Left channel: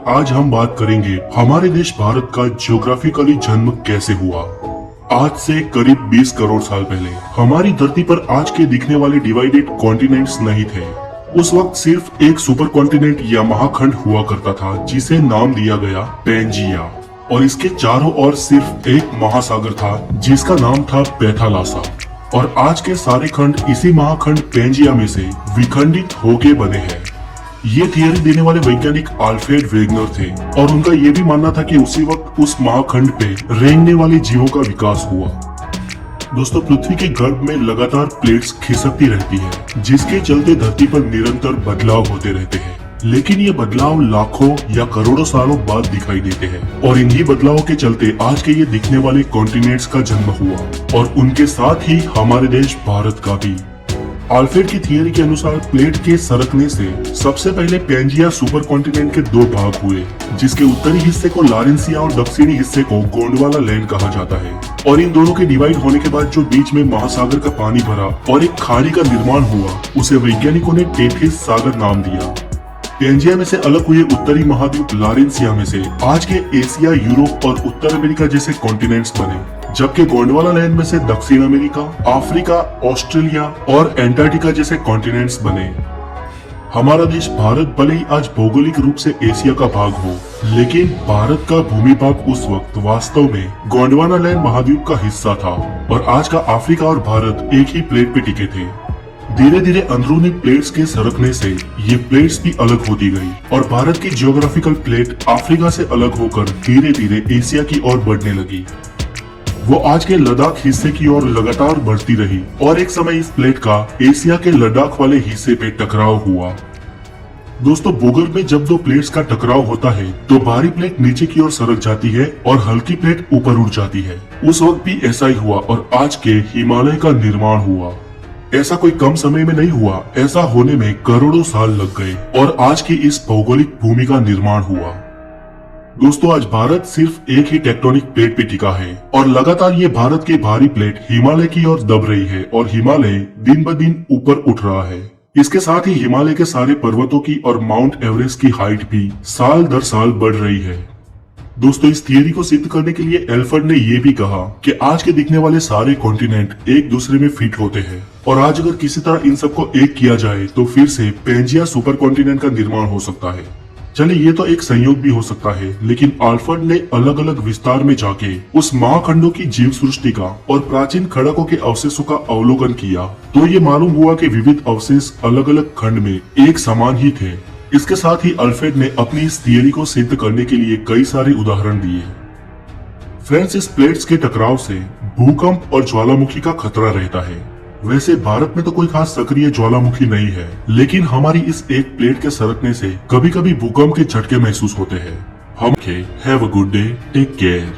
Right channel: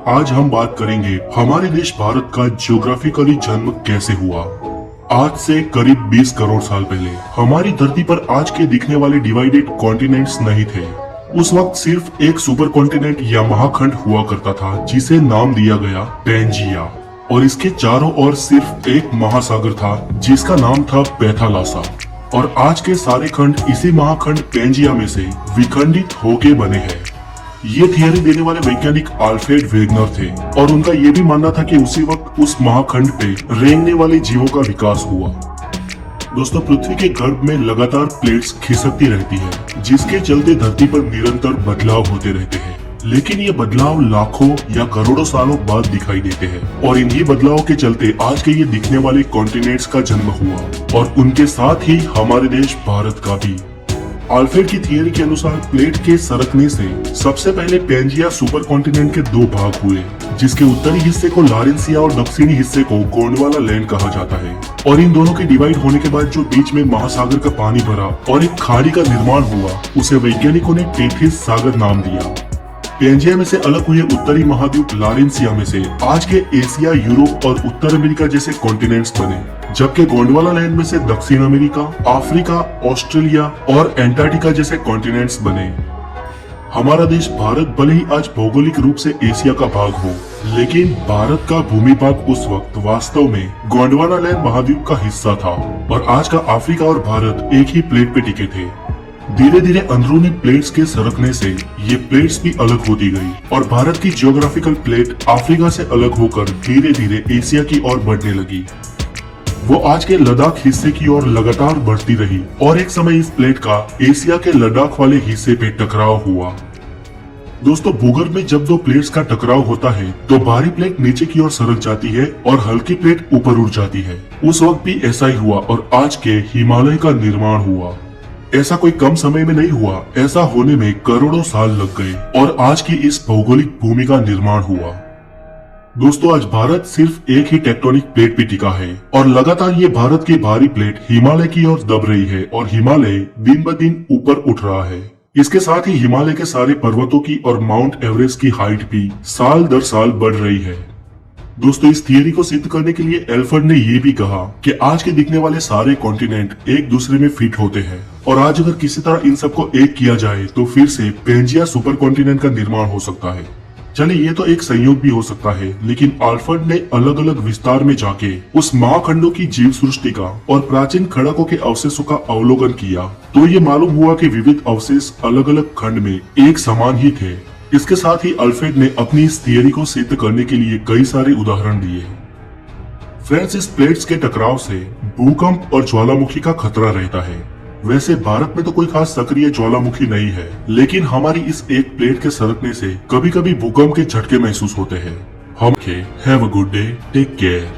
और आज हम बात करेंगे हमारे देश भारत का ज्योग्राफिकली जन्म कैसे हुआ। आज से करीब 20 करोड़ साल पहले हमारी धरती पर आज के दिखने वाले डिवाइडेड कॉन्टिनेंट्स नहीं थे। उस वक्त सिर्फ एक सुपर कॉन्टिनेंट या महाखंड हुआ करता था जिसे नाम दिया गया पैंजिया, और इसके चारों ओर सिर्फ एक महासागर था जिसका नाम था पैथालासा। और आज के सारे खंड इसी महाखंड पैंजिया में से विखंडित होके बने हैं। ये थियरी देने वाले वैज्ञानिक अल्फ्रेड वेगनर थे और उनका ये भी मानना था कि उसी वक्त उस महाखंड पे रेंगने वाले जीवों का विकास हुआ। दोस्तों, पृथ्वी के गर्भ में लगातार प्लेट्स खिसकती रहती है जिसके चलते धरती पर निरंतर बदलाव होते रहते हैं, लेकिन ये बदलाव लाखों या करोड़ों सालों बाद दिखाई देते हैं। और इन्हीं बदलाव के चलते आज के ये दिखने वाले कॉन्टिनेंट्स का जन्म हुआ और उनके साथ ही हमारे देश भारत का भी। अल्फ्रेड की थियरी के अनुसार प्लेट के सरकने से सबसे पहले पैंजिया सुपर कॉन्टिनेंट के दो भाग हुए, जिसके उत्तरी हिस्से को लारेंसिया और दक्षिणी हिस्से को गोंडवाना लैंड कहा जाता है। और इन दोनों के डिवाइड होने के बाद जो बीच में महासागर का पानी भरा और एक खाड़ी का निर्माण हुआ, उसे वैज्ञानिकों ने टेथिस सागर नाम दिया। पैंजिया में से अलग हुए उत्तरी महाद्वीप लारेंसिया में से आज के एशिया, यूरोप और उत्तर अमेरिका जैसे कॉन्टिनेंट्स बने, जबकि गोंडवाना लैंड में से दक्षिण अमेरिका, अफ्रीका, ऑस्ट्रेलिया और एंटार्क्टिका जैसे कॉन्टिनेंट्स बने। हमारा देश भारत भले ही आज भौगोलिक रूप से एशिया का भाग हो, लेकिन भारत का भूमि भाग उस वक्त वास्तव में गोंडवाना लैंड महाद्वीप का हिस्सा था और आज का अफ्रीका और भारत एक ही प्लेट पे टिके थे। धीरे धीरे अंदरूनी प्लेट्स के सरकने से ये प्लेट्स भी अलग होती गई और भारत की जियोग्राफिकल प्लेट अफ्रीका से अलग होकर धीरे धीरे एशिया की ओर बढ़ने लगी। वो आज के लद्दाख हिस्से की ओर लगातार बढ़ती रही और एक समय इस प्लेट का एशिया के लद्दाख वाले हिस्से पे टकराव हुआ। दोस्तों, भूगर्भ में जब दो प्लेट्स का टकराव होता है तो भारी प्लेट नीचे की ओर सरक जाती है और हल्की प्लेट ऊपर उठ जाती है। उस वक्त भी ऐसा ही हुआ और आज के हिमालय का निर्माण हुआ। ऐसा कोई कम समय में नहीं हुआ, ऐसा होने में करोड़ों साल लग गए और आज की इस भौगोलिक भूमि का निर्माण हुआ। दोस्तों, आज भारत सिर्फ एक ही टेक्टोनिक प्लेट पे टिका है और लगातार ये भारत की भारी प्लेट हिमालय की ओर दब रही है और हिमालय दिन ब दिन ऊपर उठ रहा है। इसके साथ ही हिमालय के सारे पर्वतों की और माउंट एवरेस्ट की हाइट भी साल दर साल बढ़ रही है। दोस्तों, इस थियरी को सिद्ध करने के लिए एल्फ्रेड ने ये भी कहा कि आज के दिखने वाले सारे कॉन्टिनेंट एक दूसरे में फिट होते हैं और आज अगर किसी तरह इन सबको एक किया जाए तो फिर से पैंजिया सुपर कॉन्टिनेंट का निर्माण हो सकता है। चलिए, ये तो एक संयोग भी हो सकता है, लेकिन अल्फ्रेड ने अलग अलग विस्तार में जाके उस महाखंडों की जीव सृष्टि का और प्राचीन खड़कों के अवशेषों का अवलोकन किया तो ये मालूम हुआ कि विविध अवशेष अलग अलग खंड में एक समान ही थे। इसके साथ ही अल्फ्रेड ने अपनी इस थियरी को सिद्ध करने के लिए कई सारे उदाहरण दिए। फ्रेंड्स, इस प्लेट्स के टकराव से भूकंप और ज्वालामुखी का खतरा रहता है। वैसे भारत में तो कोई खास सक्रिय ज्वालामुखी नहीं है, लेकिन हमारी इस एक प्लेट के सरकने से कभी कभी भूकंप के झटके महसूस होते हैं। हम have a good day, take care.